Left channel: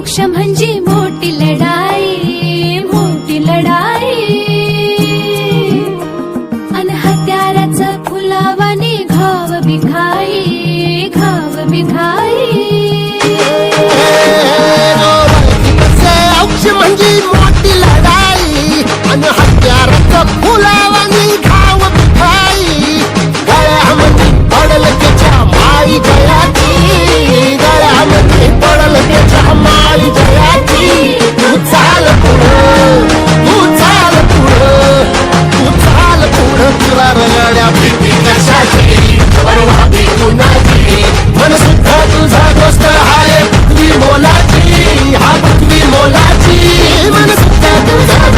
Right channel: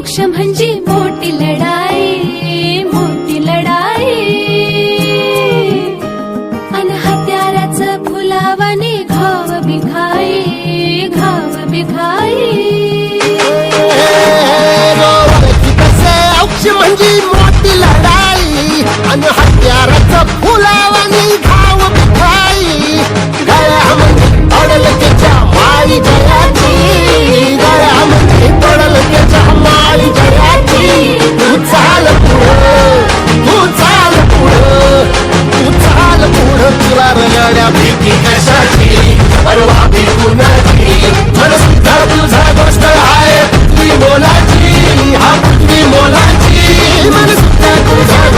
मोक्ष म्हणजे मोठी लढाई, मोठी लढाई. अन हत्याराचं फुलावाने घाव बिखाई, घाव बिखाई. मोक्ष म्हणजे मोठी लढाई अन हत्याराचं फुलावानी घाव बिखाई. गळ्यामध्ये पडल त्याच्या माळी जयाची, गळ्यामध्ये पडल त्याच्या माळी जयाची. तू चाल पुढं, तू चाल पुढं, तू चाल पुढं. तुला रगड्या भीती कशाची, परवा भीती नाही. मन सुद्धा तुझा गोष्ट आहे पृथ्वी मोलाची, हा पृथ्वी मोलाची. मन सुद्धा तुझा